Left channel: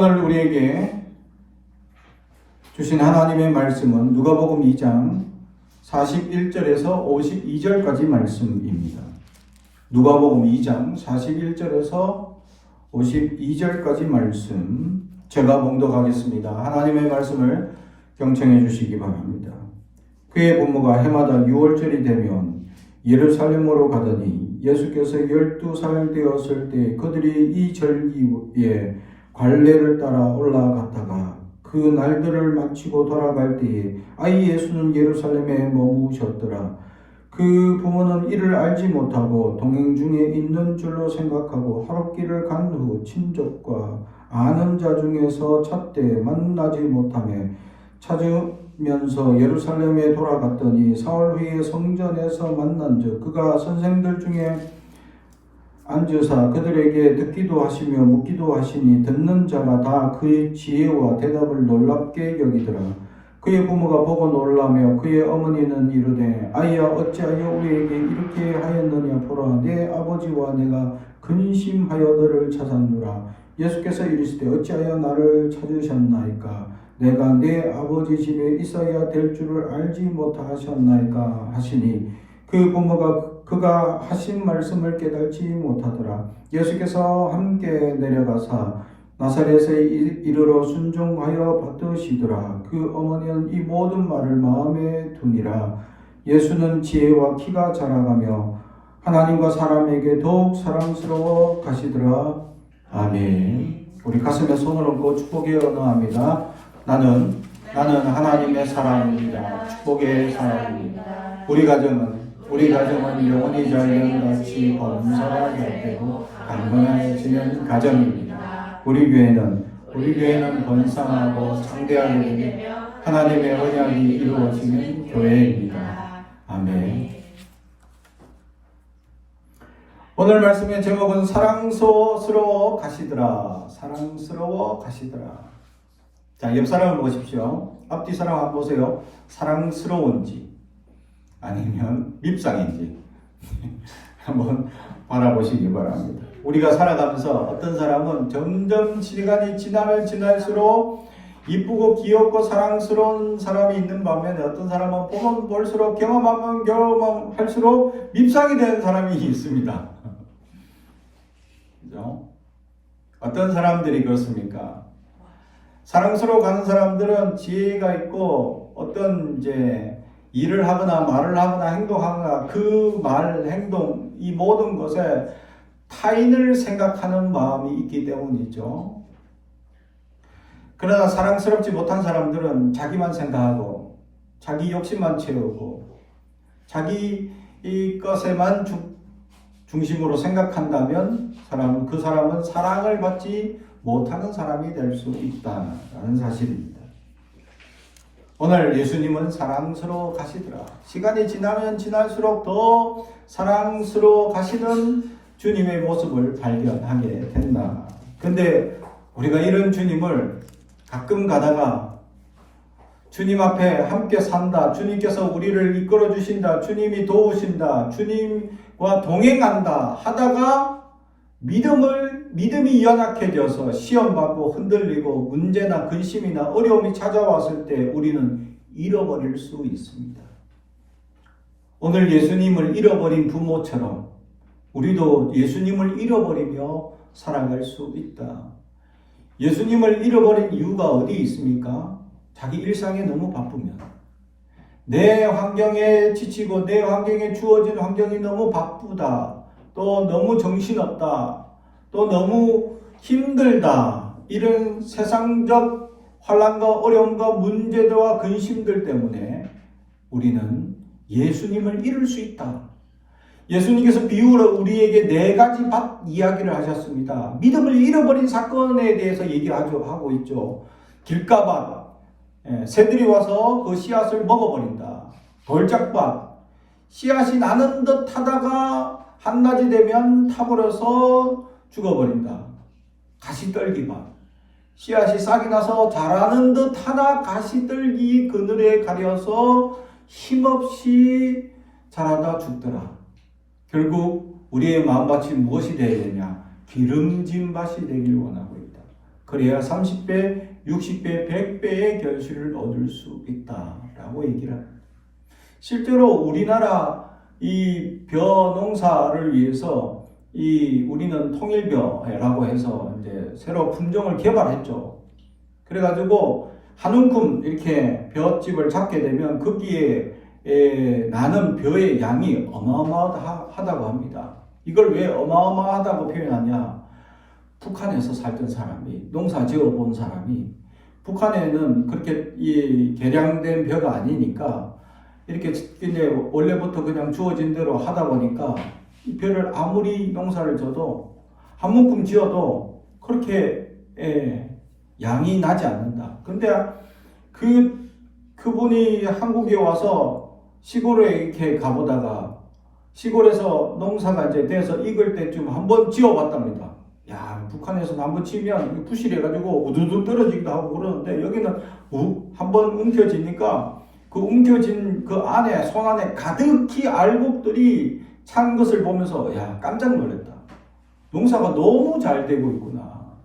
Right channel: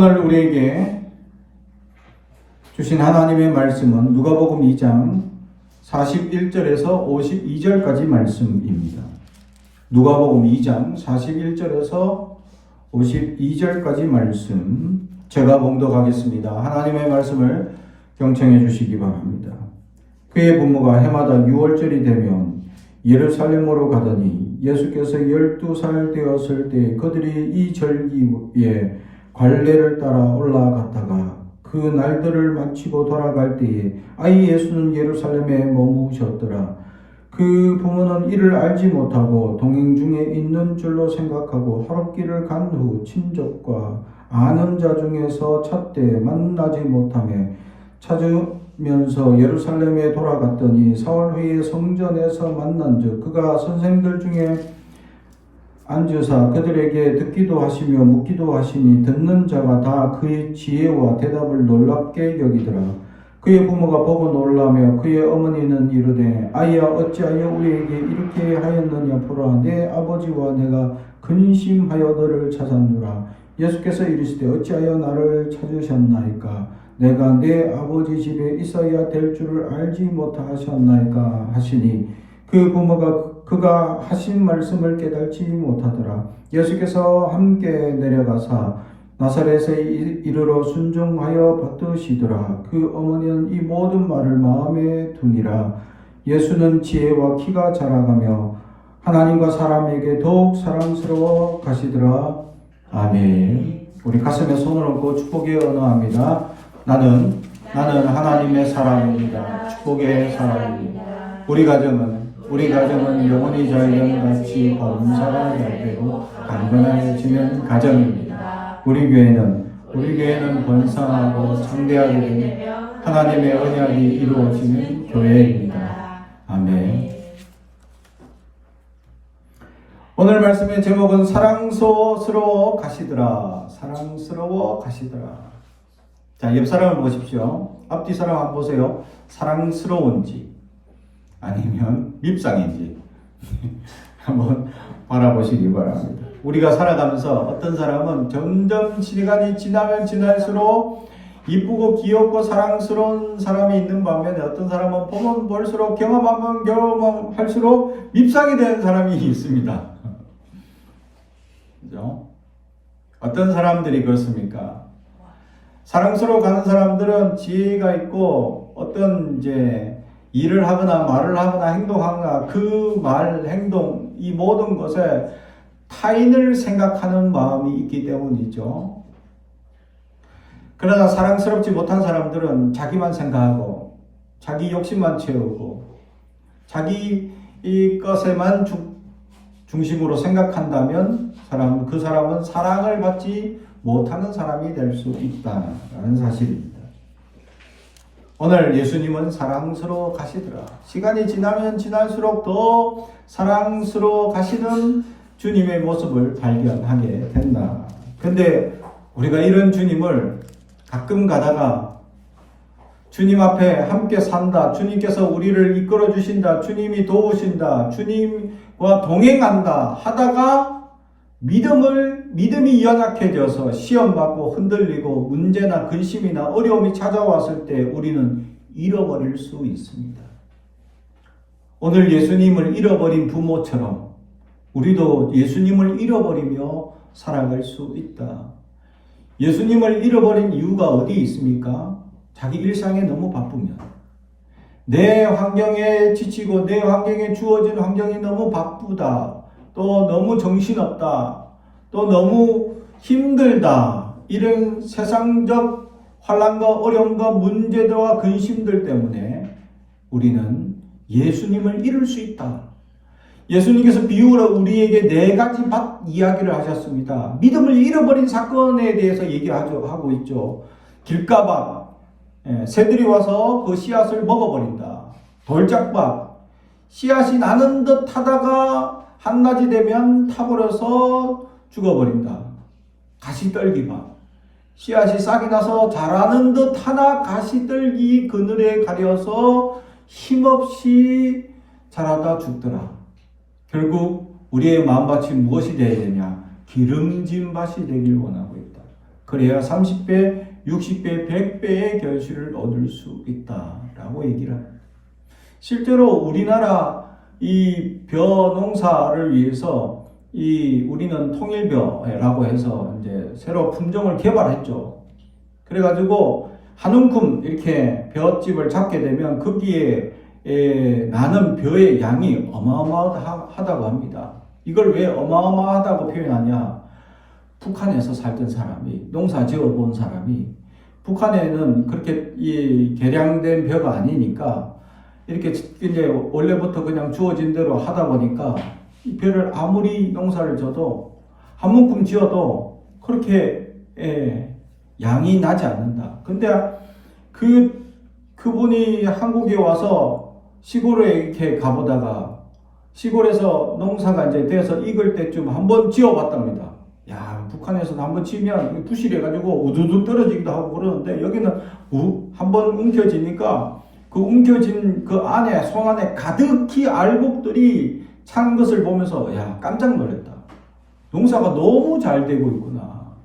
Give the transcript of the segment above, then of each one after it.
오늘 우리에게 주신 하나님의 말씀은 누가복음 2장 41절에서 52절까지 말씀입니다. 누가복음 2장 41절에서 52절까지 말씀 제가 봉독하겠습니다. 하나님의 말씀을 경청해 주시기 바랍니다. 그의 부모가 해마다 6월절이 되면 예루살렘으로 가더니 예수께서 12살 되었을 때 그들이 이 절기에 관례를 따라 올라갔다가 그 날들을 마치고 돌아갈 때에 아이 예수는 예루살렘에 머무셨더라. 그 부모는 이를 알지 못하고 동행 중에 있는 줄로 생각하고 하룻길을 간 후 친족과 아는 자 중에서 찾되 만나지 못하며 찾으면서 예루살렘에 돌아갔더니 사흘 후에 성전에서 만난즉 그가 선생들 중에 앉으사 그들에게 듣기도 하시며 묻기도 하시니 듣는 자가 다 그의 지혜와 대답을 놀랍게 여기더라. 그의 부모가 보고 놀라며 그의 어머니는 이르되 아이야 어찌하여 우리에게 이렇게 하였느냐 보라 내 아버지와 내가 근심하여 너를 찾았노라. 예수께서 이르시되 어찌하여 나를 찾으셨나이까 내가 내 아버지 집에 있어야 될 줄을 알지 못하셨나이까 하시니 그 부모가 그가 하신 말씀을 깨닫지 못하더라. 예수께서 함께 내려가사 나사렛에 이르러 순종하여 받으시더라. 그 어머니는 이 모든 말을 마음에 두니라. 예수는 지혜와 키가 자라가며 하나님과 사람에게 더욱 사랑스러워 가시더라. 아멘. 우리 가슴에 손을 얹고 축복의 언어합니다. 나는 하나님의 사람입니다. 축복의 사람입니다. 우리 가정은 영원히 자연같이 범사가 잘 되고 강건해지는 가정입니다. 우리 교회는 번성하고 창대하게 되며 하나님의 언약이 이루어지는 교회입니다. 아멘. 오늘 말씀의 제목은 사랑스러워 가시더라. 사랑스러워 가시더라. 자, 옆 사람을 보십시오. 앞뒤 사람 한번 보세요. 사랑스러운지 아니면 밉상인지 한번 바라보시기 바랍니다. 우리가 살아가면서 어떤 사람은 점점 시간이 지나면 지날수록 이쁘고 귀엽고 사랑스러운 사람이 있는 반면에 어떤 사람은 보면 볼수록 경험하면 경험할수록 밉상이 되는 사람이 있습니다. 그죠? 어떤 사람들이 그렇습니까? 사랑스러워 가는 사람들은 지혜가 있고 어떤 일을 하거나 말을 하거나 행동하거나 그 말, 행동, 이 모든 것에 타인을 생각하는 마음이 있기 때문이죠. 그러나 사랑스럽지 못한 사람들은 자기만 생각하고 자기 욕심만 채우고 자기 이 것에만 중심으로 생각한다면 그 사람은 사랑을 받지 못하는 사람이 될 수 있다는 사실입니다. 오늘 예수님은 사랑스러워 가시더라. 시간이 지나면 지날수록 더 사랑스러워 가시는 주님의 모습을 발견하게 된다. 근데 우리가 이런 주님을 가끔 가다가 주님 앞에 함께 산다. 주님께서 우리를 이끌어 주신다. 주님이 도우신다. 주님과 동행한다. 하다가 믿음이 연약해져서 시험받고 흔들리고 문제나 근심이나 어려움이 찾아왔을 때 우리는 잃어버릴 수 있습니다. 오늘 예수님을 잃어버린 부모처럼 우리도 예수님을 잃어버리며 살아갈 수 있다. 예수님을 잃어버린 이유가 어디 있습니까? 자기 일상에 너무 바쁘면, 내 환경에 지치고 내 환경에 주어진 환경이 너무 바쁘다, 또 너무 정신없다, 또 너무 힘들다, 이런 세상적 환난과 어려움과 문제들과 근심들 때문에 우리는 예수님을 잃을 수 있다. 예수님께서 비유로 우리에게 4가지 밭 이야기를 하셨습니다. 믿음을 잃어버린 사건에 대해서 얘기하고 있죠. 길가밭, 새들이 와서 그 씨앗을 먹어버린다. 돌짝밭, 씨앗이 나는 듯 하다가 한낮이 되면 타버려서 죽어버린다. 가시떨기밭, 씨앗이 싹이 나서 자라는 듯 하나 가시떨기 그늘에 가려서 힘없이 자라다 죽더라. 결국 우리의 마음밭이 무엇이 되어야 되냐? 기름진 밭이 되길 원하고 있다. 그래야 30배, 60배, 100배의 결실을 얻을 수 있다라고 얘기를 합니다. 실제로 우리나라 이 벼 농사를 위해서 우리는 통일벼라고 해서 이제 새로 품종을 개발했죠. 그래가지고 한 움큼 이렇게 벼집을 잡게 되면 거기에 나는 벼의 양이 어마어마하다고 합니다. 이걸 왜 어마어마하다고 표현하냐? 북한에서 살던 사람이, 농사 지어본 사람이, 북한에는 그렇게 개량된 벼가 아니니까 이렇게 이제 원래부터 그냥 주어진 대로 하다 보니까 이 벼를 아무리 농사를 져도 한 묶음 지어도 그렇게 양이 나지 않는다. 근데 그분이 한국에 와서 시골에 이렇게 가보다가 시골에서 농사가 이제 돼서 익을 때쯤 한번 지어봤답니다. 야, 북한에서 한번 치면 부실해가지고 우두둑 떨어지기도 하고 그러는데 여기는 한번 움켜지니까 그 움켜진 그 안에, 손 안에 가득히 알곡들이 찬 것을 보면서 야, 깜짝 놀랐다. 농사가 너무 잘 되고 있구나.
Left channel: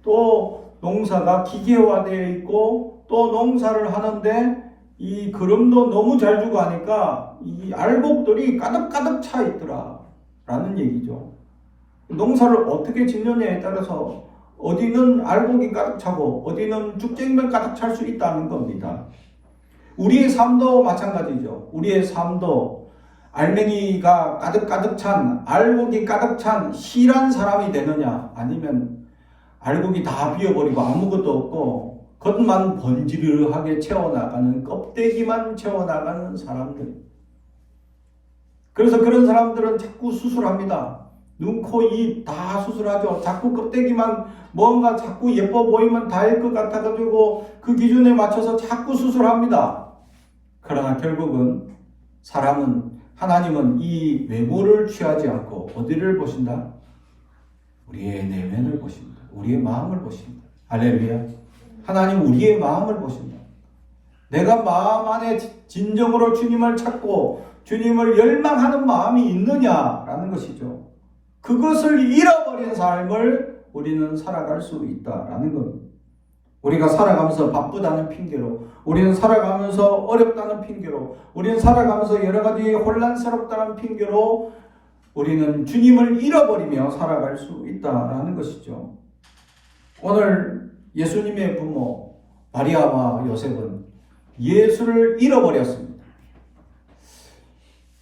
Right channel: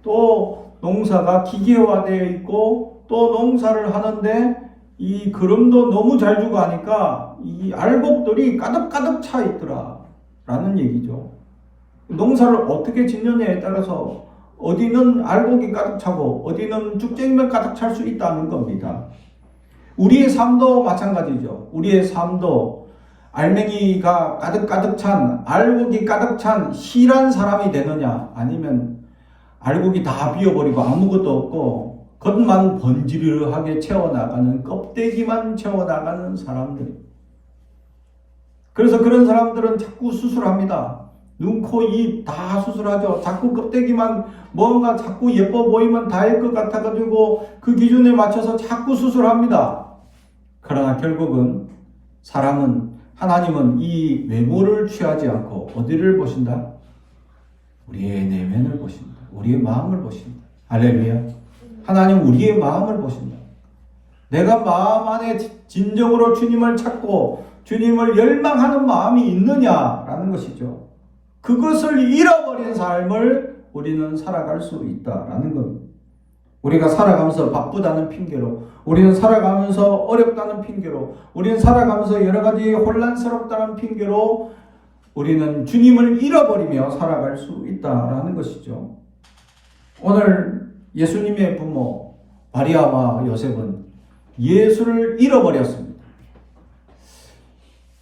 또 농사가 기계화되어 있고 또 농사를 하는데 이 그름도 너무 잘 주고 하니까 이 알곡들이 가득가득 차 있더라 라는 얘기죠. 농사를 어떻게 짓느냐에 따라서 어디는 알곡이 가득 차고 어디는 죽쟁이만 가득 찰 수 있다는 겁니다. 우리의 삶도 마찬가지죠. 우리의 삶도 알맹이가 가득가득 찬, 알곡이 가득 찬 실한 사람이 되느냐, 아니면 알곡이 다 비어버리고 아무것도 없고 겉만 번지르르하게 채워나가는, 껍데기만 채워나가는 사람들. 그래서 그런 사람들은 자꾸 수술합니다. 눈, 코, 입 다 수술하죠. 자꾸 껍데기만 뭔가 자꾸 예뻐 보이면 다일 것 같아가지고 그 기준에 맞춰서 자꾸 수술합니다. 그러나 결국은 하나님은 이 외모를 취하지 않고 어디를 보신다? 우리의 내면을 보신다. 우리의 마음을 보신다. 할렐루야. 하나님 우리의 마음을 보신다. 내가 마음 안에 진정으로 주님을 찾고 주님을 열망하는 마음이 있느냐라는 것이죠. 그것을 잃어버린 삶을 우리는 살아갈 수 있다라는 겁니다. 우리가 살아가면서 바쁘다는 핑계로, 우리는 살아가면서 어렵다는 핑계로, 우리는 살아가면서 여러 가지 혼란스럽다는 핑계로 우리는 주님을 잃어버리며 살아갈 수 있다라는 것이죠. 오늘 예수님의 부모 마리아와 요셉은 예수를 잃어버렸습니다.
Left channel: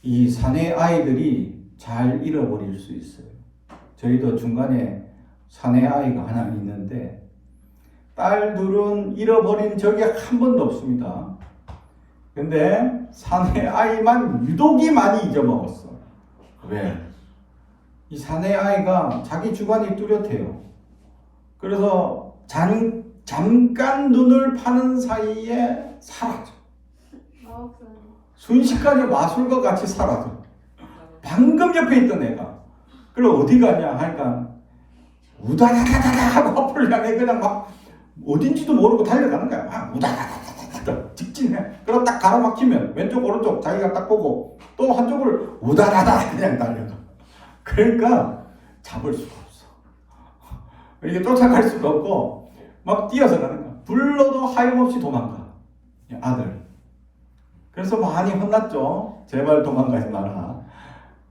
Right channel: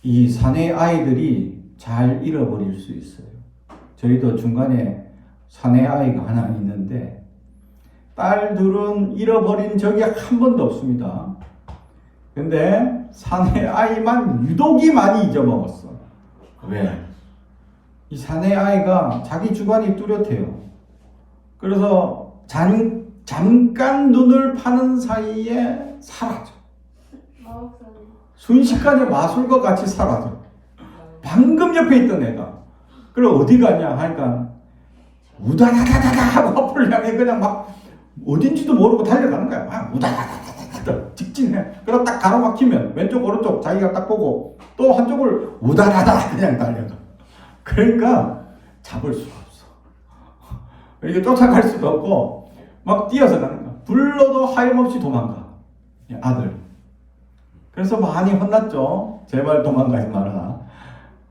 이 사내 아이들이 잘 잃어버릴 수 있어요. 저희도 중간에 사내 아이가 하나 있는데 딸들은 잃어버린 적이 한 번도 없습니다. 근데 사내 아이만 유독이 많이 잊어먹었어. 왜? 이 사내 아이가 자기 주관이 뚜렷해요. 그래서 잠깐 눈을 파는 사이에 사라져. 순식간에 마술과 같이 사라져. 방금 옆에 있던 애가. 그럼 어디 가냐 하니까 우다다다다 하고 앞을 향해 그냥 막 어딘지도 모르고 달려가는 거야. 막 우다다다다다 직진해. 그럼 딱 가로막히면 왼쪽 오른쪽 자기가 딱 보고 또 한쪽을 우다다다 그냥 달려가. 그러니까 잡을 수가 없어. 이렇게 쫓아갈 수도 없고 막 뛰어서 가는 거야. 불러도 하염없이 도망가. 아들. 그래서 많이 혼났죠. 제발 도망가지 마라.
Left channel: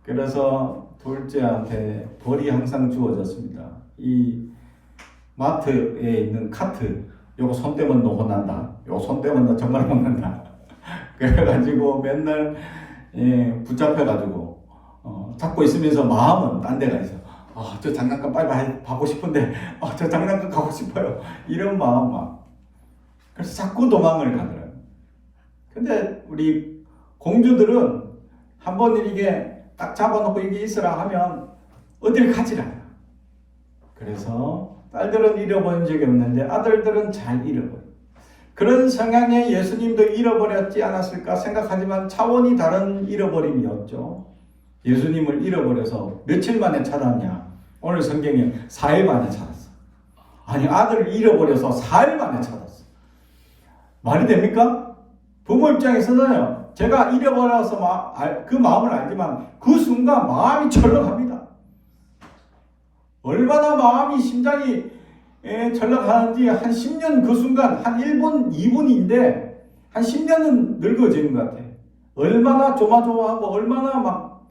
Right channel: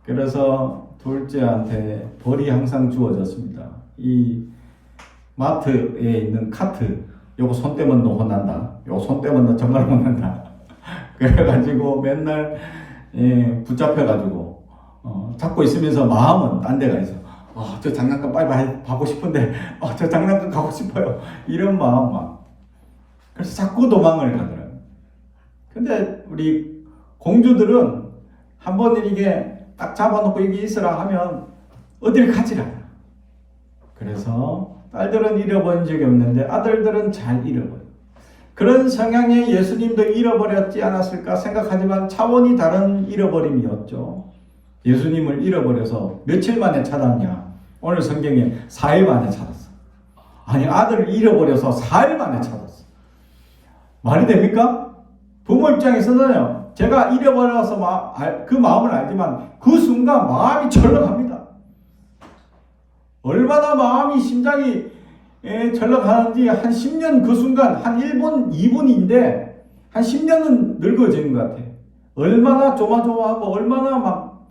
그래서 둘째한테 벌이 항상 주어졌습니다. 이 마트에 있는 카트, 요거 손 떼면 너 혼난다. 요 손 떼면 너 정말 혼난다. 그래가지고 맨날 붙잡혀가지고 잡고 있으면서 마음은 딴 데가 있어. 저 장난감 빨리 하고 싶은데 저 장난감 가고 싶어요. 이런 마음 막. 그래서 자꾸 도망을 가더라고요. 근데 우리 공주들은 한번 이렇게 딱 잡아놓고 여기 있으라 하면 어딜 가지 않아. 그래서 딸들은 잃어버린 적이 없는데 아들들은 잘 잃어버려. 그런 성향의 예수님도 잃어버렸지 않았을까 생각하지만 차원이 다른 잃어버림이었죠. 예수님을 잃어버려서 며칠 만에 찾았냐? 오늘 성경에 4일 만에 찾았어. 아니, 아들을 잃어버려서 4일 만에 찾았어. 말이 됩니까? 부모 입장에서는요, 제가 잃어버려서 그 마음을 알지만 그 순간 마음이 철렁합니다. 얼마나 마음이 심장이 철렁하는지 한 10년 그 순간 한 1분, 2분인데 한 10년은 늙어지는 것 같아. 얼마나 조마조마하고 얼마나 막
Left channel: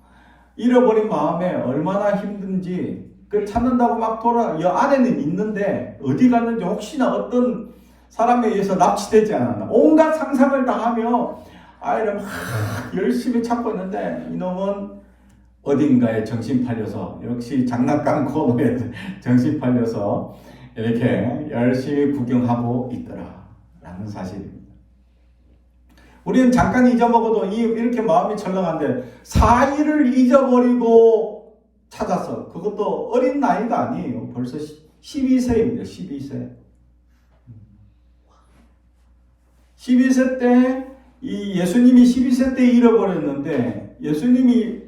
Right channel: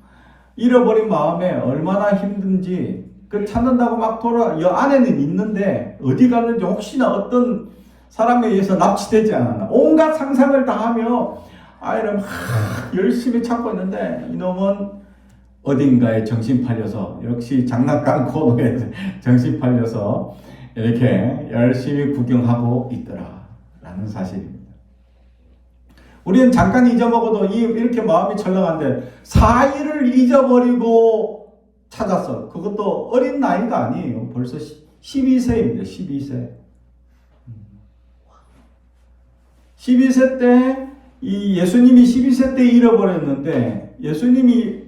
잃어버린 마음에 얼마나 힘든지 그 찾는다고 막 여 안에는 있는데 어디 갔는지 혹시나 어떤 사람에 의해서 납치되지 않았나. 온갖 상상을 다 하며 아이를 막 열심히 찾고 있는데 이놈은 어딘가에 정신 팔려서 역시 장난감 코너에 정신 팔려서 이렇게 열심히 구경하고 있더라 라는 사실입니다. 우리는 잠깐 잊어먹어도 이렇게 마음이 철렁한데 4일을 잊어버리고 찾았어. 그것도 어린 나이가 아니에요. 벌써 12세입니다. 12세. 12세 때 이 예수님이 12세 때 잃어버렸는데 예수님이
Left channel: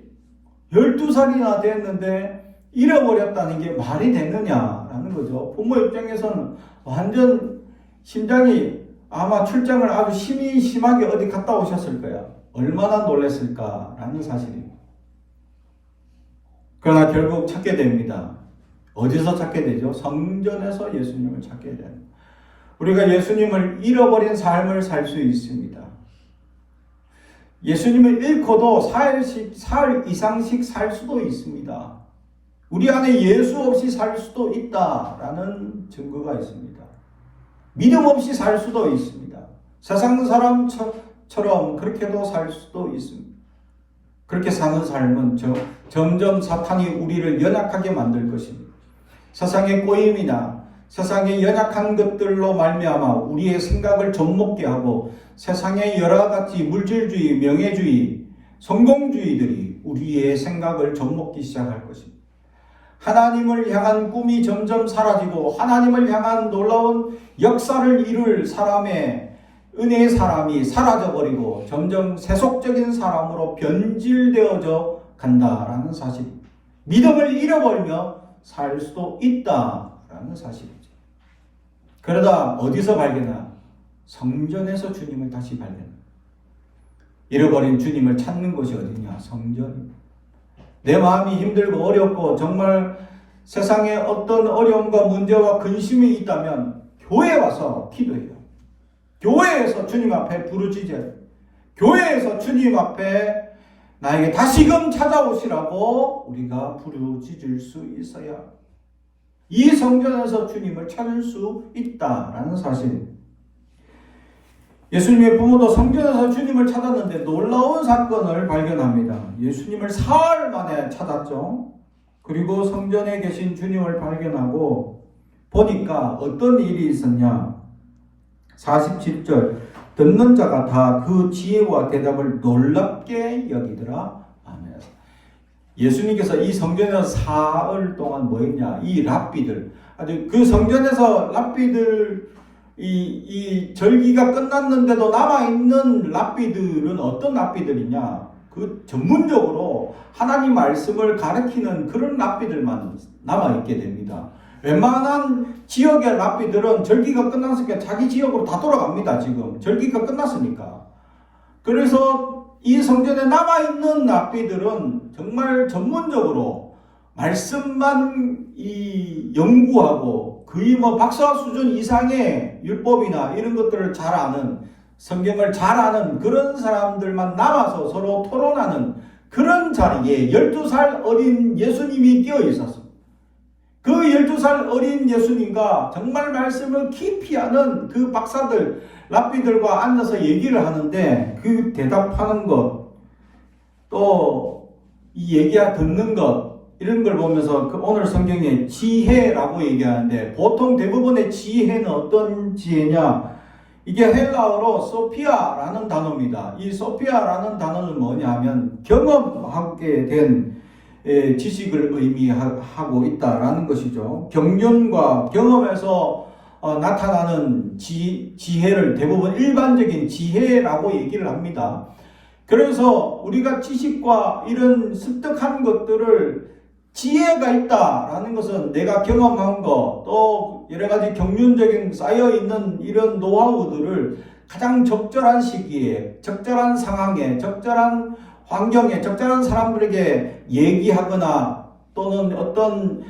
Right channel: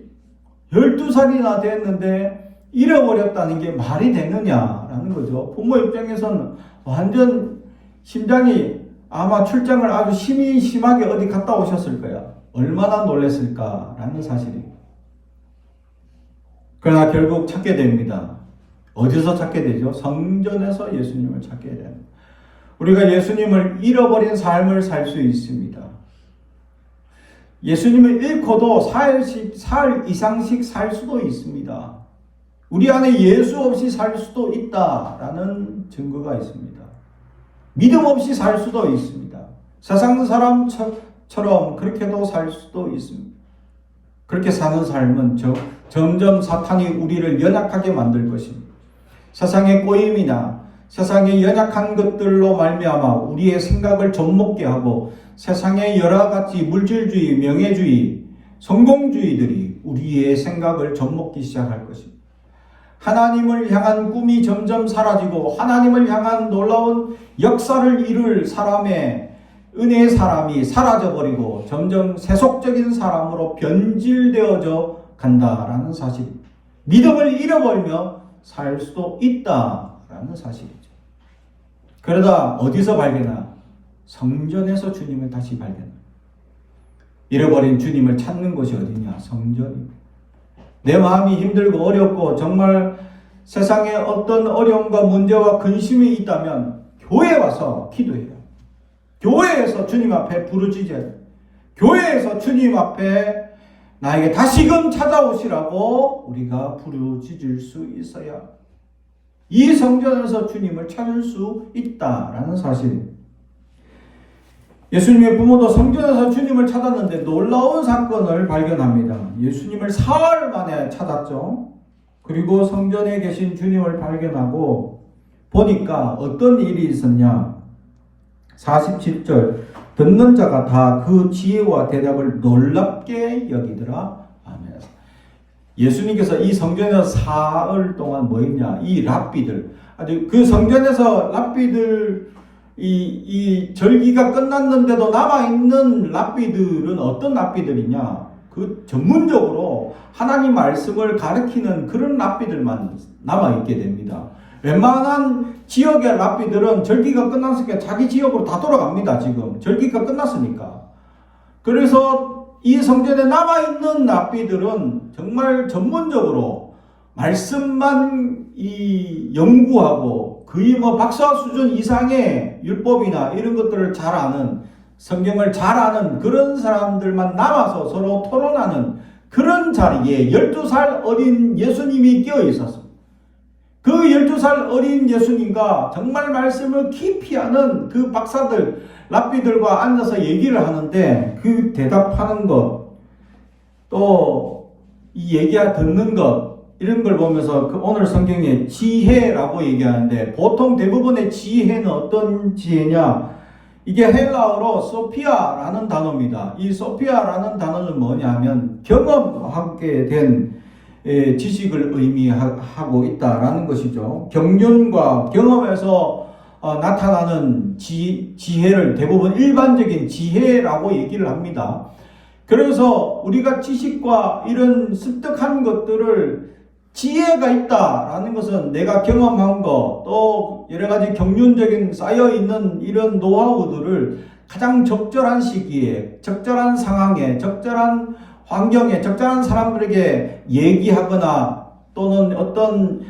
12살이나 됐는데 잃어버렸다는 게 말이 되느냐라는 거죠. 부모 입장에서는 완전 심장이 아마 출장을 아주 심하게 어디 갔다 오셨을 거야. 얼마나 놀랐을까라는 사실이에요. 그러나 결국 찾게 됩니다. 어디서 찾게 되죠? 성전에서 예수님을 찾게 됩니다. 우리가 예수님을 잃어버린 삶을 살 수 있습니다. 예수님을 잃고도 사흘 이상씩 살 수도 있습니다. 우리 안에 예수 없이 살 수도 있다라는 증거가 있습니다. 믿음 없이 살 수도 있습니다. 세상 사람처럼 그렇게도 살 수도 있습니다. 그렇게 사는 삶은 점점 사탄이 우리를 연약하게 만들 것입니다. 세상의 꼬임이나 세상의 연약한 것들로 말미암아 우리의 생각을 젖먹게 하고 세상의 여러 가지 물질주의, 명예주의, 성공주의들이 우리의 생각을 젖먹기 시작할 것입니다. 하나님을 향한 꿈이 점점 사라지고 하나님을 향한 놀라운 역사를 이룰 사람의 은혜의 사람이 사라져버리고 점점 세속적인 사람으로 변질되어져 간다라는 사실입니다. 믿음을 잃어버리며 살 수도 있다라는 사실이죠. 그러다 어디서 발견하나? 성전에서 주님을 다시 발견합니다. 잃어버린 주님을 찾는 곳이 어디냐? 성전입니다. 내 마음이 힘들고 어렵고 정말 세상에 어떤 어려움과 문제와 근심이 있다면 교회에 와서 기도해요. 교회에서 주님 앞에 부르짖어야 돼요. 교회에서 주님 앞에 나에게 다시금 찾아오시라고 우리가 부르짖을 수 있어야 이 성전에서 주님을 찾을 수 있다라는 사실입니다. 예수님의 부모도 성전에서 주님을 찾았는데 놀라운 사건을 발견합니다. 예수님을 사흘 만에 찾았죠. 그리고 성전에 계신 주님을 발견하고 보니까 어떤 일이 있었냐. 47절 듣는 자가 다 그 지혜와 대답을 놀랍게 여기더라. 아멘. 예수님께서 이 성전에서 사흘 동안 뭐 했냐. 이 랍비들 아주 그 성전에서 랍비들 이 절기가 끝났는데도 남아있는 랍비들은 어떤 랍비들이냐? 그 전문적으로 하나님 말씀을 가르치는 그런 랍비들만 남아있게 됩니다. 웬만한 지역의 랍비들은 절기가 끝났으니까 자기 지역으로 다 돌아갑니다. 지금 절기가 끝났으니까. 그래서 이 성전에 남아있는 랍비들은 정말 전문적으로 말씀만 연구하고 거의 뭐 박사 수준 이상의 율법이나 이런 것들을 잘 아는 성경을 잘 아는 그런 사람들만 남아서 서로 토론하는 그런 자리에 12살 어린 예수님이 끼어 있었습니다. 그 12살 어린 예수님과 정말 말씀을 깊이 아는 그 박사들, 랍비들과 앉아서 얘기를 하는데 그 대답하는 것, 또 이 얘기 듣는 것 이런 걸 보면서 오늘 성경에 지혜라고 얘기하는데 보통 대부분의 지혜는 어떤 지혜냐? 이게 헬라어로 소피아라는 단어입니다. 이 소피아라는 단어는 뭐냐면 경험하게 된 지식을 의미하고 있다라는 것이죠. 경륜과 경험에서 나타나는 지혜를 대부분 일반적인 지혜라고 얘기를 합니다. 그래서 우리가 지식과 이런 습득한 것들을 지혜가 있다라는 것은 내가 경험한 것, 또 여러 가지 경륜적인 쌓여있는 이런 노하우들을 가장 적절한 시기에, 적절한 상황에, 적절한 환경에, 적절한 사람들에게 얘기하거나 또는 어떤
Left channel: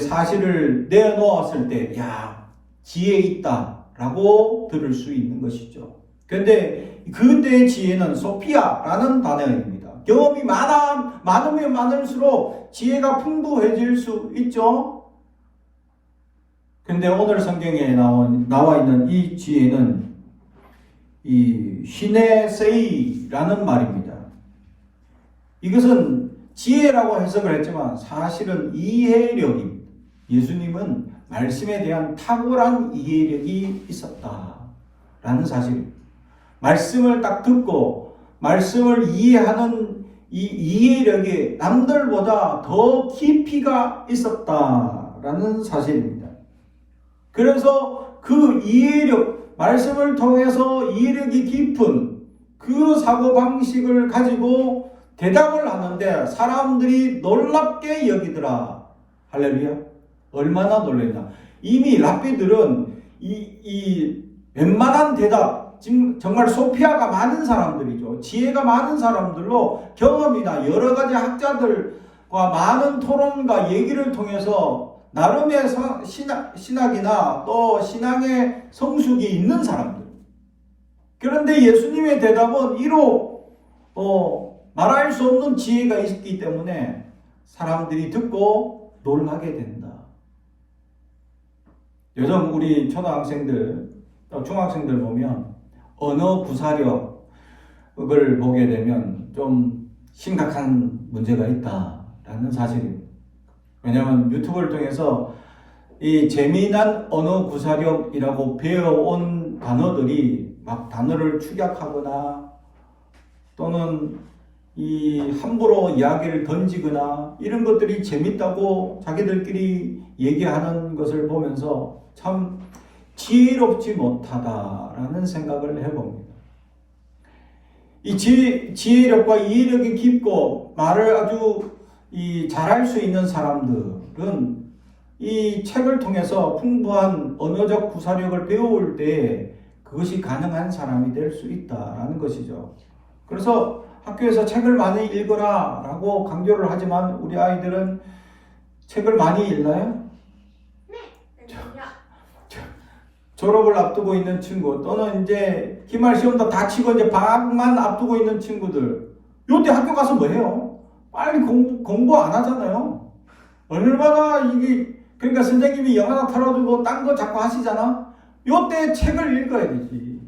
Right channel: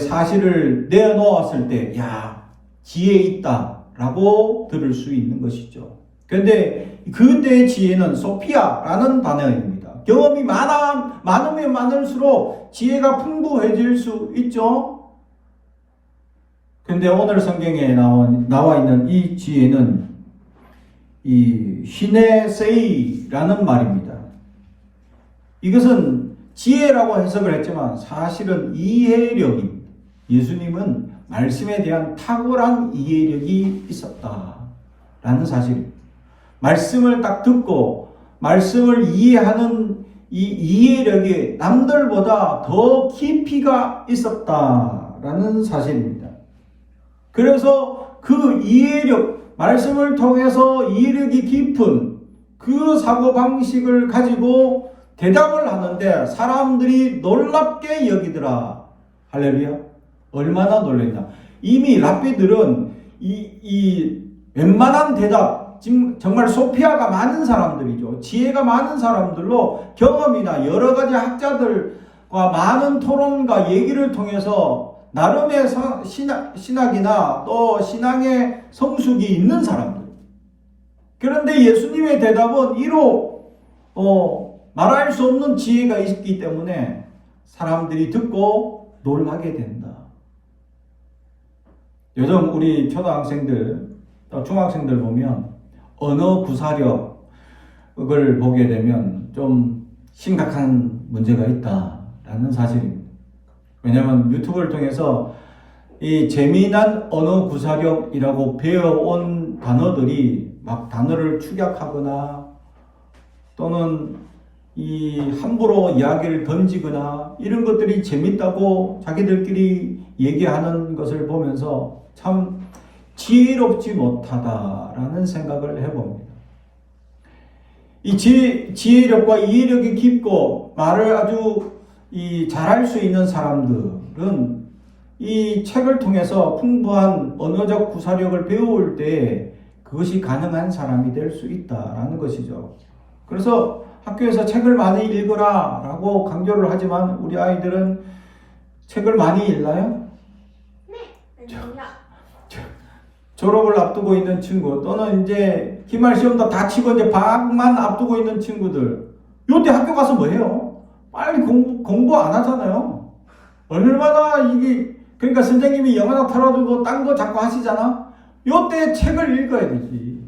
사실을 내어놓았을 때, 야, 지혜 있다라고 들을 수 있는 것이죠. 그런데 그때의 지혜는 소피아라는 단어입니다. 경험이 많으면 많을수록 지혜가 풍부해질 수 있죠. 근데 오늘 성경에 나와 있는 이 지혜는 이 시네세이라는 말입니다. 이것은 지혜라고 해석을 했지만 사실은 이해력입니다. 예수님은 말씀에 대한 탁월한 이해력이 있었다라는 사실입니다. 말씀을 딱 듣고 말씀을 이해하는 이 이해력이 남들보다 더 깊이가 있었다라는 사실입니다. 그래서 그 이해력, 말씀을 통해서 이해력이 깊은 그 사고방식을 가지고 대답을 하는데 사람들이 놀랍게 여기더라. 할렐루야. 얼마나 놀랬나. 이미 랍비들은 이 웬만한 대답, 지금 정말 소피아가 많은 사람들이죠. 지혜가 많은 사람들로 경험이나 여러 가지 학자들과 많은 토론과 얘기를 통해서 나름의 신학이나 또 신앙의 성숙이 있는 사람들. 그런데 예수님의 대답은 이로 말할 수 없는 지혜가 있기 때문에 사람들이 듣고 놀라게 된다. 요즘 우리 초등학생들, 또 중학생들 보면 언어 구사력을 보게 되면 좀 심각한 문제가 있다라는 사실입니다. 왜냐하면 유튜브를 통해서 이 재미난 언어 구사력이라고 배워온 단어들이 막 단어를 축약하거나 또는 이 함부로 이야기를 던지거나 이런 것들이 재밌다고 자기들끼리 얘기하는 것을 보면서 참 지혜롭지 못하다라는 생각을 해봅니다. 이 지혜력과 이해력이 깊고 말을 아주 잘할 수 있는 사람들은 이 책을 통해서 풍부한 언어적 구사력을 배울 때 그것이 가능한 사람이 될 수 있다라는 것이죠. 그래서 학교에서 책을 많이 읽어라 라고 강조를 하지만 우리 아이들은 책을 많이 읽나요? 네. 졸업을 앞두고 있는 친구 또는 이제 기말 시험도 다 치고 이제 방학만 앞두고 있는 친구들 요때 학교 가서 뭐 해요? 빨리 공부 안 하잖아요. 얼마나 그러니까 선생님이 영어나 털어주고 딴 거 자꾸 하시잖아. 요때 책을 읽어야 되지.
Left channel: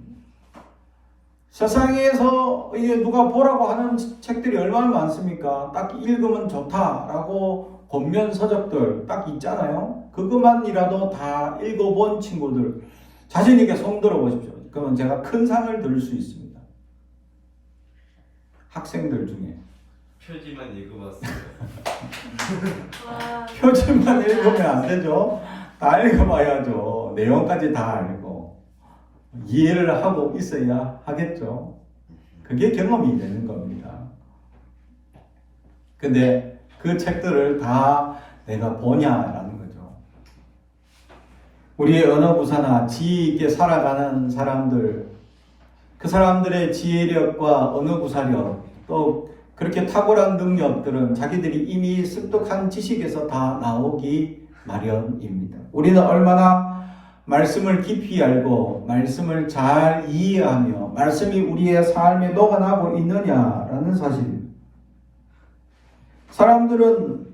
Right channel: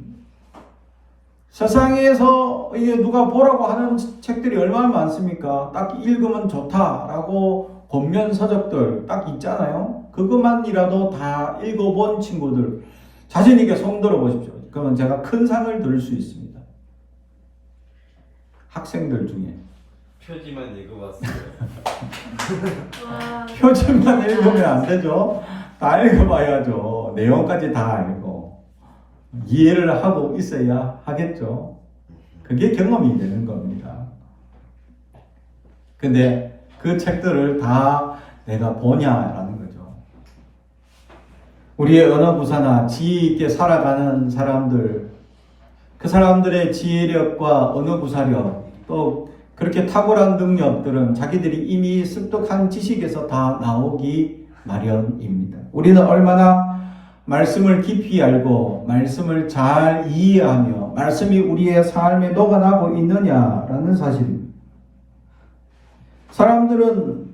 세상에서 이게 누가 보라고 하는 책들이 얼마나 많습니까? 딱 읽으면 좋다라고 권면 서적들 딱 있잖아요. 그것만이라도 다 읽어본 친구들 자신 있게 손 들어 보십시오. 그러면 제가 큰 상을 드릴 수 있습니다. 학생들 중에 표지만 읽어봤어요. 표지만 읽으면 안 되죠. 다 읽어봐야죠. 내용까지 다 알고 이해를 하고 있어야 하겠죠. 그게 경험이 되는 겁니다. 근데 그 책들을 다 내가 보냐라는 거죠. 우리의 언어 구사나 지혜 있게 살아가는 사람들, 그 사람들의 지혜력과 언어 구사력, 또 그렇게 탁월한 능력들은 자기들이 이미 습득한 지식에서 다 나오기 마련입니다. 우리는 얼마나 말씀을 깊이 알고 말씀을 잘 이해하며 말씀이 우리의 삶에 녹아나고 있느냐라는 사실입니다. 사람들은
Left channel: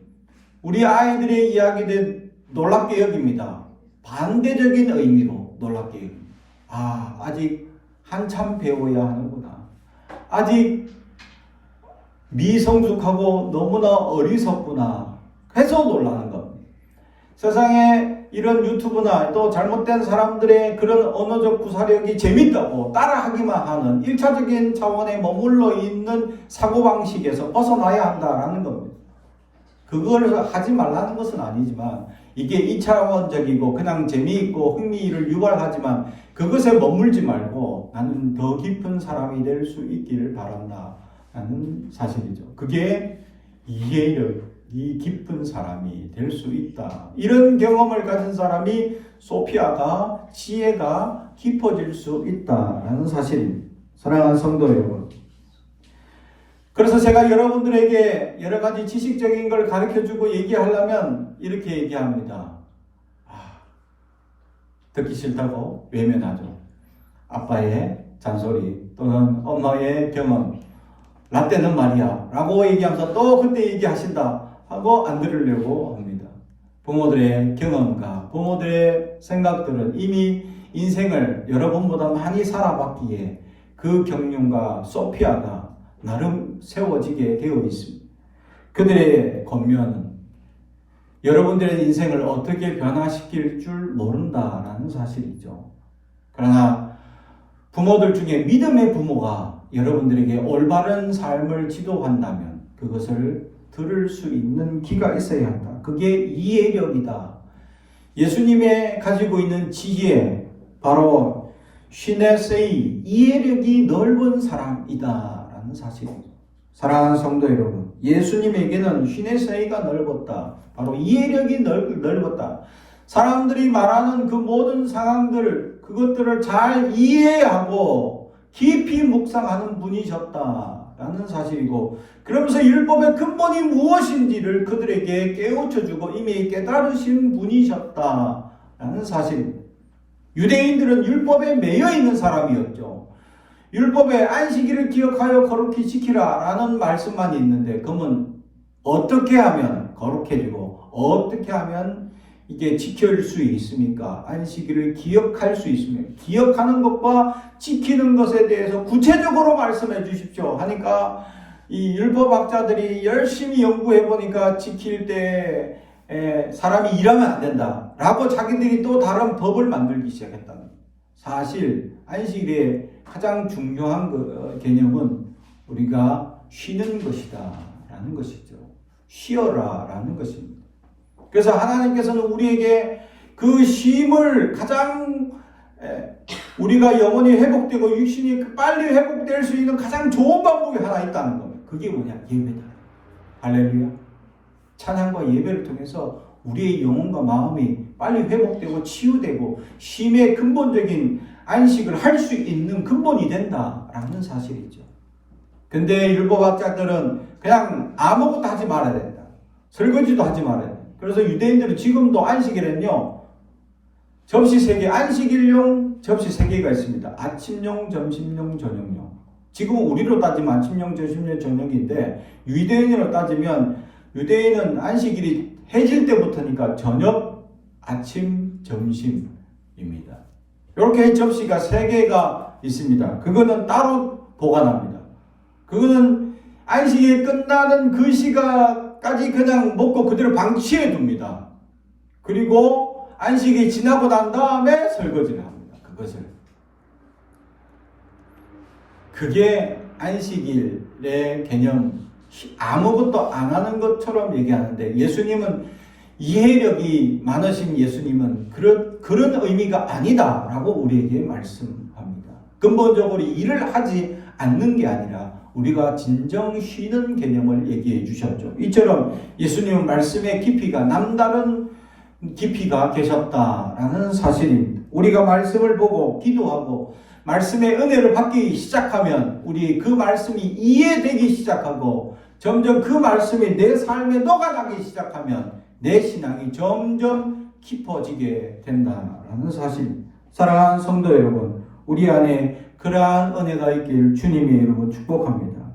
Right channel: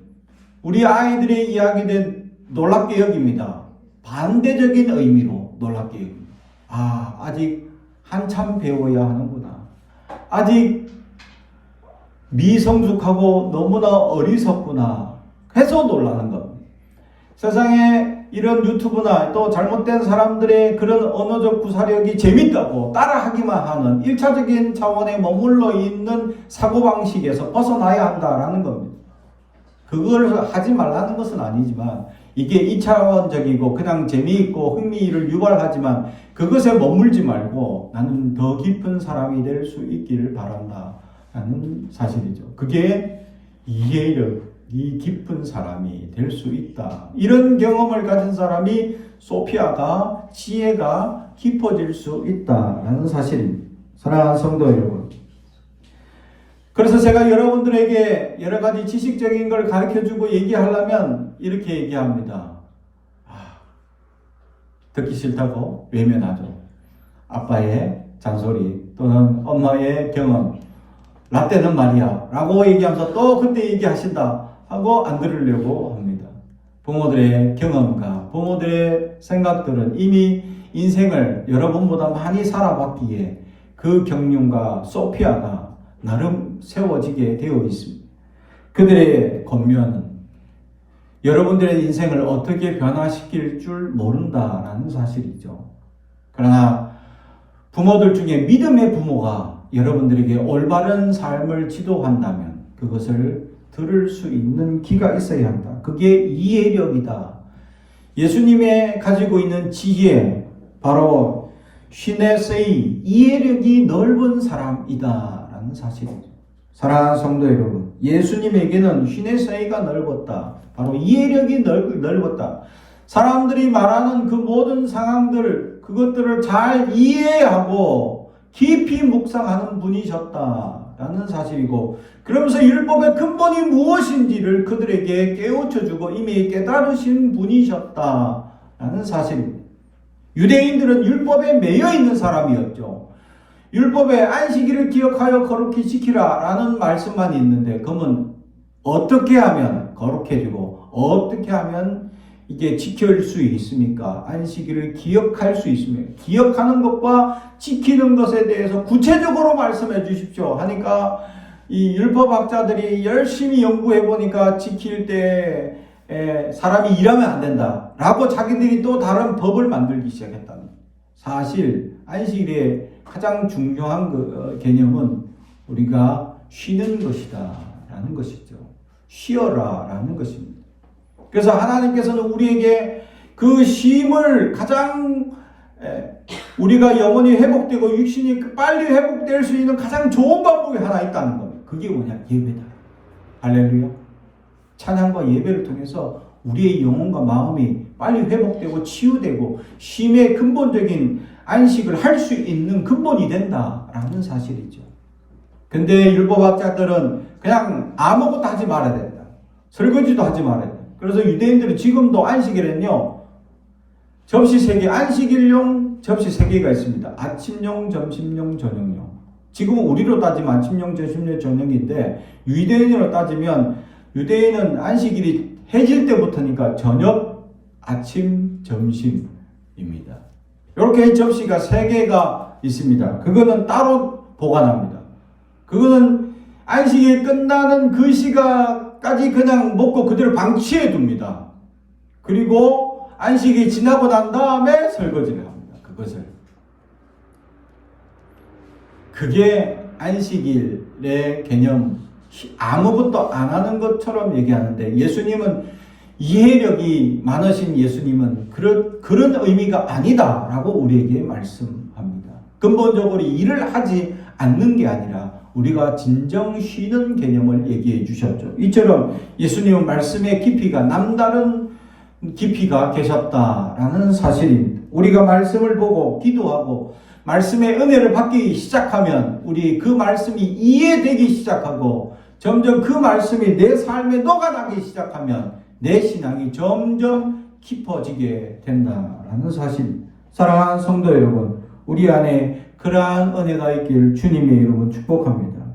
우리 아이들의 이야기를 놀랍게 여깁니다. 반대적인 의미로 놀랍게 여깁니다. 아직 한참 배워야 하는구나. 아직 미성숙하고 너무나 어리석구나 해서 놀라는 겁니다. 세상에 이런 유튜브나 또 잘못된 사람들의 그런 언어적 구사력이 재밌다고 따라하기만 하는 1차적인 차원에 머물러 있는 사고방식에서 벗어나야 한다라는 겁니다. 그걸 하지 말라는 것은 아니지만 이게 2차원적이고 그냥 재미있고 흥미를 유발하지만 그것에 머물지 말고 나는 더 깊은 사람이 될 수 있기를 바란다 라는 사실이죠. 그게 이해력이 깊은 사람이 될 수 있다. 이런 경험을 가진 사람이 소피아가 지혜가 깊어질 수 있다라는 사실입니다. 사랑하는 성도 여러분, 그래서 제가 여러분들에게 여러 가지 지식적인 걸 가르쳐주고 얘기하려면 이렇게 얘기합니다. 듣기 싫다고 외면하죠. 아빠의 잔소리 또는 엄마의 경험, 라떼는 말이야 라고 얘기하면서 또 그때 얘기하신다 하고 안 들으려고 합니다. 부모들의 경험과 부모들의 생각들은 이미 인생을 여러분보다 많이 살아봤기에 그 경륜과 소피아가 나름 세워지게 되어 있습니다. 그들의 권면은 여러분들의 인생을 어떻게 변화시킬 줄 모른다라는 사실이죠. 그러나 부모들 중에 믿음의 부모가 여러분들에게 올바른 삶을 지도한다면 그것을 들을 수 있는 귀가 있어야 한다. 그게 이해력이다. 예수님의 가지고 있는 지혜, 바로 시네세이, 이해력이 넓은 사람이다라는 사실이죠. 사랑하는 성도 여러분, 예수님에게는 시네세이가 넓었다. 바로 이해력이 넓었다. 사람들이 말하는 그 모든 상황들, 그것들을 잘 이해하고 깊이 묵상하는 분이셨다라는 사실이고, 그러면서 율법의 근본이 무엇인지를 그들에게 깨우쳐주고 이미 깨달으신 분이셨다라는 사실입니다. 유대인들은 율법에 매여 있는 사람이었죠. 율법에 안식일을 기억하여 거룩히 지키라 라는 말씀만 있는데, 그러면 어떻게 하면 거룩해지고 어떻게 하면 이게 지킬 수 있습니까? 안식일을 기억할 수 있습니까? 기억하는 것과 지키는 것에 대해서 구체적으로 말씀해 주십시오 하니까 이 율법학자들이 열심히 연구해 보니까 지킬 때 사람이 일하면 안 된다 라고 자기들이 또 다른 법을 만들기 시작했다. 사실 안식일의 가장 중요한 개념은 우리가 쉬는 것이다 라는 것이죠. 쉬어라 라는 것입니다. 그래서 하나님께서는 우리에게 그 쉼을 가장 우리가 영혼이 회복되고 육신이 빨리 회복될 수 있는 가장 좋은 방법이 하나 있다는 겁니다. 그게 뭐냐? 예배다. 할렐루야. 찬양과 예배를 통해서 우리의 영혼과 마음이 빨리 회복되고 치유되고 쉼의 근본적인 안식을 할 수 있는 근본이 된다라는 사실이죠. 근데 율법학자들은 그냥 아무것도 하지 말아야 된다. 설거지도 하지 말아야 된다. 그래서 유대인들은 지금도 안식일에는요, 접시 3개, 안식일용 접시 3개가 있습니다. 아침용, 점심용, 저녁용. 지금 우리로 따지면 아침용, 점심용, 저녁인데 유대인으로 따지면 유대인은 안식일이 해질 때부터니까 저녁, 아침, 점심입니다. 이렇게 접시가 3개가 있습니다. 그거는 따로 보관합니다. 그거는 안식일 끝나는 그 시간까지 그냥 먹고 그대로 방치해 둡니다. 그리고 안식이 지나고 난 다음에 설거지를 합니다. 그것을. 그게 안식일의 개념, 아무것도 안 하는 것처럼 얘기하는데, 예수님은 이해력이 많으신 예수님은 그런 의미가 아니다라고 우리에게 말씀합니다. 근본적으로 일을 하지 않는 게 아니라 우리가 진정 쉬는 개념을 얘기해 주셨죠. 이처럼 예수님은 말씀의 깊이가 남다른 깊이가 계셨다라는 사실입니다. 우리가 말씀을 보고 기도하고 말씀의 은혜를 받기 시작하면 우리 그 말씀이 이해되기 시작하고 점점 그 말씀이 내 삶에 녹아나기 시작하면 내 신앙이 점점 깊어지게 된다라는 사실. 사랑하는 성도 여러분, 우리 안에 그러한 은혜가 있길 주님의 이름으로 축복합니다.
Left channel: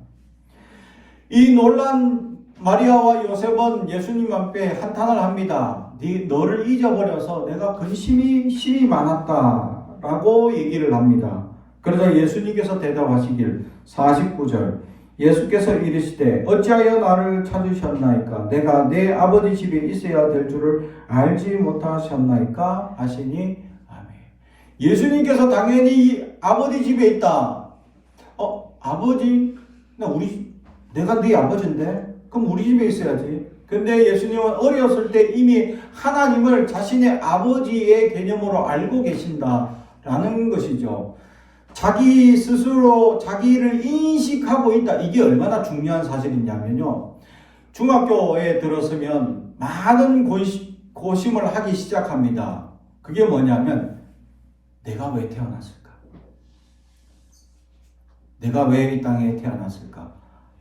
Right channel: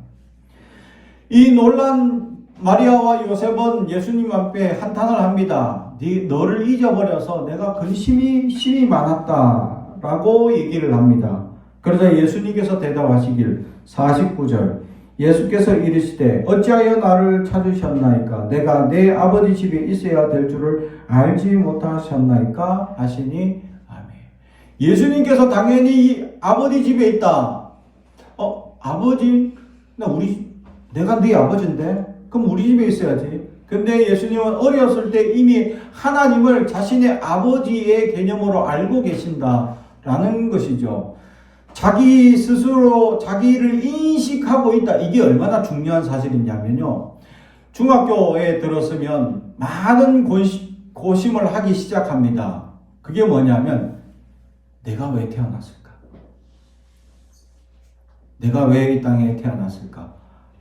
이 놀란 마리아와 요셉은 예수님 앞에 한탄을 합니다. 너를 잊어버려서 내가 근심이 많았다 라고 얘기를 합니다. 그러자 예수님께서 대답하시길 49절, 예수께서 이르시되 어찌하여 나를 찾으셨나이까? 내가 내 아버지 집에 있어야 될 줄을 알지 못하셨나이까? 하시니 아멘. 예수님께서 당연히 아버지 집에 있다. 아버지, 내가 네 아버지인데? 그럼 우리 집에 있어야지. 근데 예수님은 어렸을 때 이미 하나님을 자신의 아버지의 개념으로 알고 계신다라는 것이죠. 자기 스스로 자기를 인식하고 있다. 이게 얼마나 중요한 사실이냐면요. 중학교에 들었으면 많은 고심을 하기 시작합니다. 그게 뭐냐면 내가 왜 태어났을까? 내가 왜 이 땅에 태어났을까?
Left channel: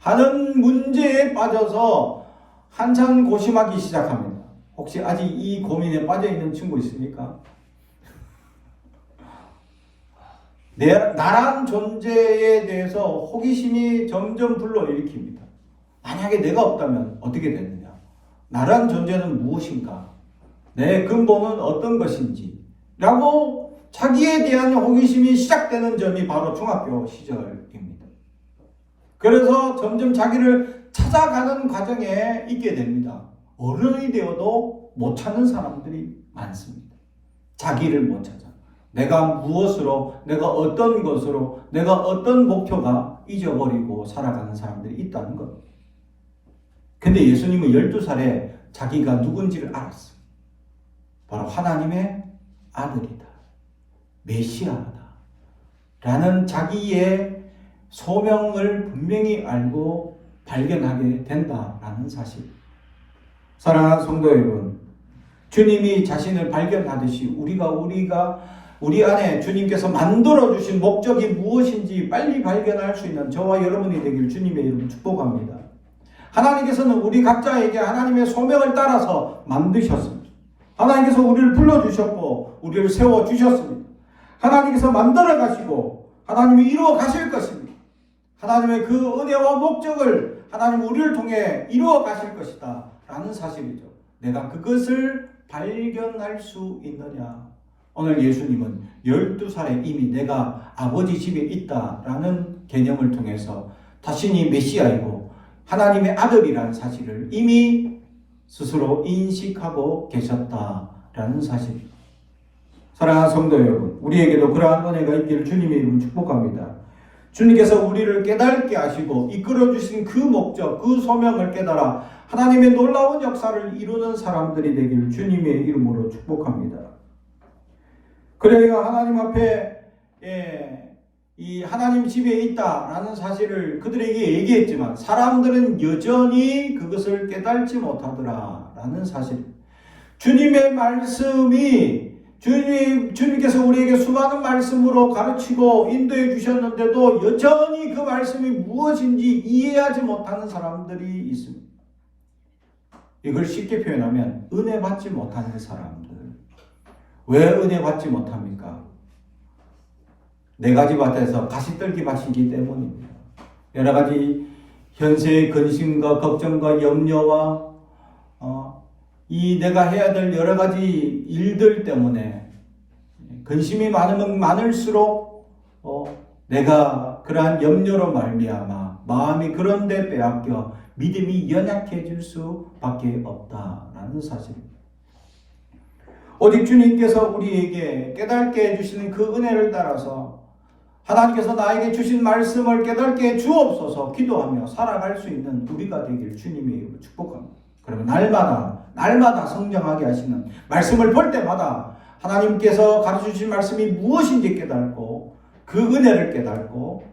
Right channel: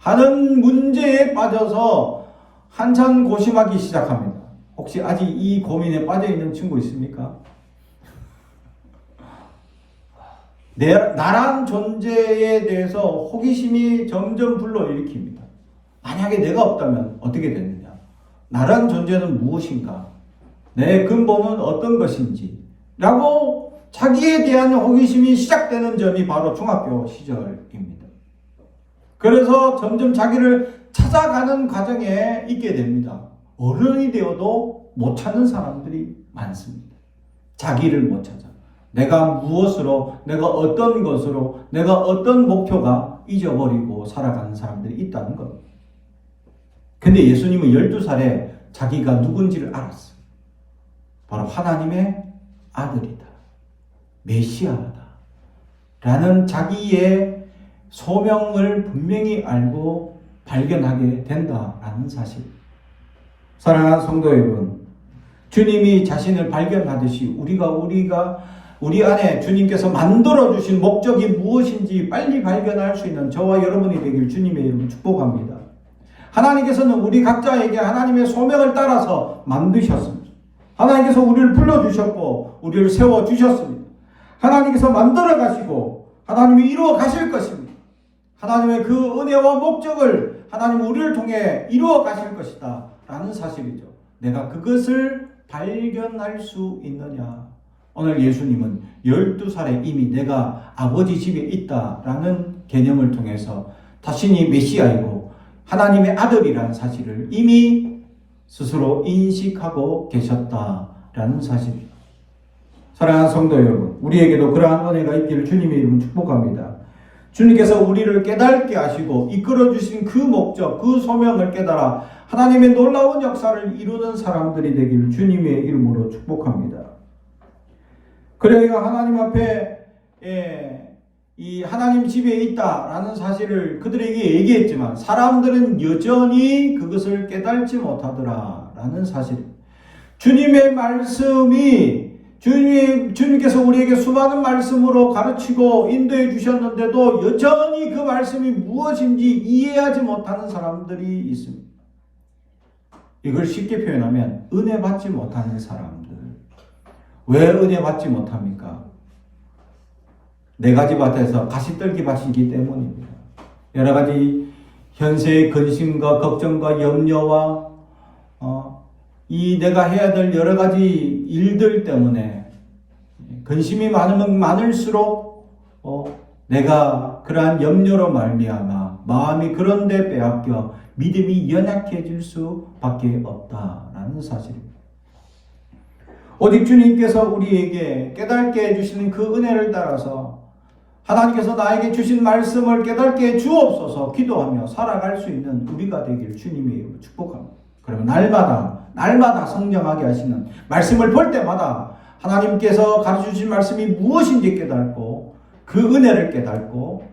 하는 문제에 빠져서 한참 고심하기 시작합니다. 혹시 아직 이 고민에 빠져 있는 친구 있습니까? 나란 존재에 대해서 호기심이 점점 불러일으킵니다. 만약에 내가 없다면 어떻게 됐느냐? 나란 존재는 무엇인가? 내 근본은 어떤 것인지? 라고 자기에 대한 호기심이 시작되는 점이 바로 중학교 시절입니다. 그래서 점점 자기를 찾아가는 과정에 있게 됩니다. 어른이 되어도 못 찾는 사람들이 많습니다. 자기를 못 찾아. 내가 무엇으로, 내가 어떤 것으로, 내가 어떤 목표가 잊어버리고 살아가는 사람들이 있다는 것. 근데 예수님은 12살에 자기가 누군지를 알았어요. 바로 하나님의 아들이다. 메시아다. 라는 자기의 소명을 분명히 알고 발견하게 된다라는 사실. 사랑하는 성도 여러분, 주님이 자신을 발견하듯이 우리 안에 주님께서 만들어주신 목적이 무엇인지 빨리 발견할 수 있는 저와 여러분이 되길 주님의 이름으로 축복합니다. 하나님께서는 우리 각자에게 하나님의 소명을 따라서 만드셨습니다. 하나님께서 우리를 불러주셨고 우리를 세워주셨습니다. 하나님께서 만들어 가시고 하나님이 이루어 가실 것입니다. 하나님의 그 은혜와 목적을 하나님 우리를 통해 이루어 가실 것이다 라는 사실이죠. 내가 그것을 발견할 수 있느냐. 오늘 예수님은 12살에 이미 내가 아버지 집에 있다라는 개념을 통해서 자신이 메시아이고 하나님의 아들이라는 사실을 이미 스스로 인식하고 계셨다라는 사실입니다. 사랑하는 성도 여러분, 우리에게도 그러한 은혜가 있기를 주님의 이름으로 축복합니다. 주님께서 우리를 깨닫게 하시고 이끌어주신 그 목적, 그 소명을 깨달아 하나님의 놀라운 역사를 이루는 사람들이 되길 주님의 이름으로 축복합니다. 그러니까 하나님 앞에 이 하나님 집에 있다라는 사실을 그들에게 얘기했지만 사람들은 여전히 그것을 깨달지 못하더라라는 사실. 주님의 말씀이 주님께서 우리에게 수많은 말씀으로 가르치고 인도해 주셨는데도 여전히 그 말씀이 무엇인지 이해하지 못하는 사람들이 있습니다. 이걸 쉽게 표현하면 은혜 받지 못하는 사람들. 왜 은혜 받지 못합니까? 네 가지 밭에서 가시떨기 밭이기 때문입니다. 여러 가지 현세의 근심과 걱정과 염려와 이 내가 해야 될 여러 가지 일들 때문에 근심이 많으면 많을수록 내가 그러한 염려로 말미암아 마음이 그런데 빼앗겨 믿음이 연약해질 수밖에 없다라는 사실입니다. 오직 주님께서 우리에게 깨닫게 해주시는 그 은혜를 따라서 하나님께서 나에게 주신 말씀을 깨닫게 해 주옵소서 기도하며 살아갈 수 있는 우리가 되길 주님의 이름으로 축복합니다. 그러면 날마다 성장하게 하시는 말씀을 볼 때마다 하나님께서 가르쳐주신 말씀이 무엇인지 깨닫고 그 은혜를 깨닫고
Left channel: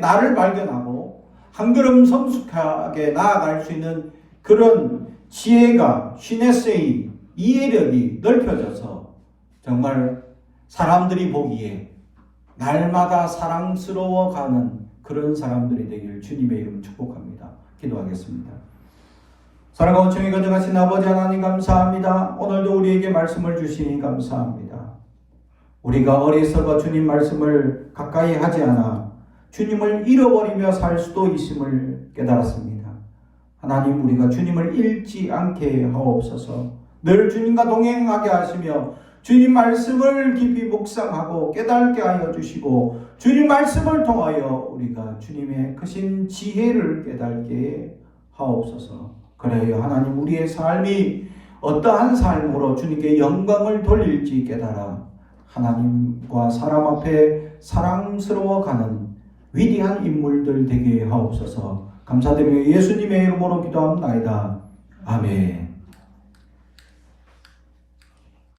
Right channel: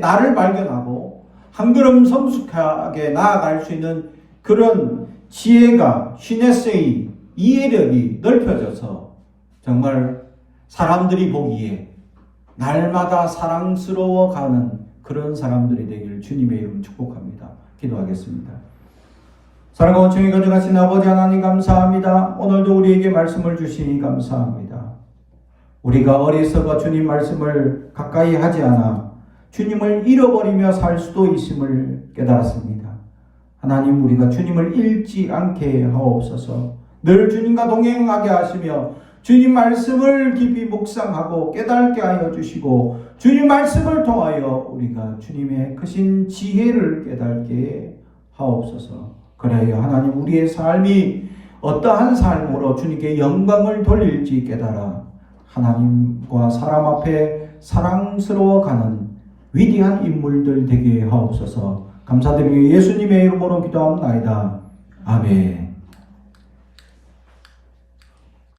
나를 발견하고 한 걸음 성숙하게 나아갈 수 있는 그런 지혜가 시네세이 이해력이 넓혀져서 정말 사람들이 보기에 날마다 사랑스러워가는 그런 사람들이 되기를 주님의 이름 축복합니다. 기도하겠습니다. 사랑과 온천히 가져가신 아버지 하나님 감사합니다. 오늘도 우리에게 말씀을 주시니 감사합니다. 우리가 어리석어 주님 말씀을 가까이 하지 않아 주님을 잃어버리며 살 수도 있음을 깨달았습니다. 하나님, 우리가 주님을 잃지 않게 하옵소서. 늘 주님과 동행하게 하시며 주님 말씀을 깊이 묵상하고 깨닫게 하여 주시고 주님 말씀을 통하여 우리가 주님의 크신 지혜를 깨닫게 하옵소서. 그래요 하나님, 우리의 삶이 어떠한 삶으로 주님께 영광을 돌릴지 깨달아 하나님과 사람 앞에 사랑스러워가는 위대한 인물들 되게 하옵소서. 감사드리며 예수님의 이름으로 기도합니다. 아멘.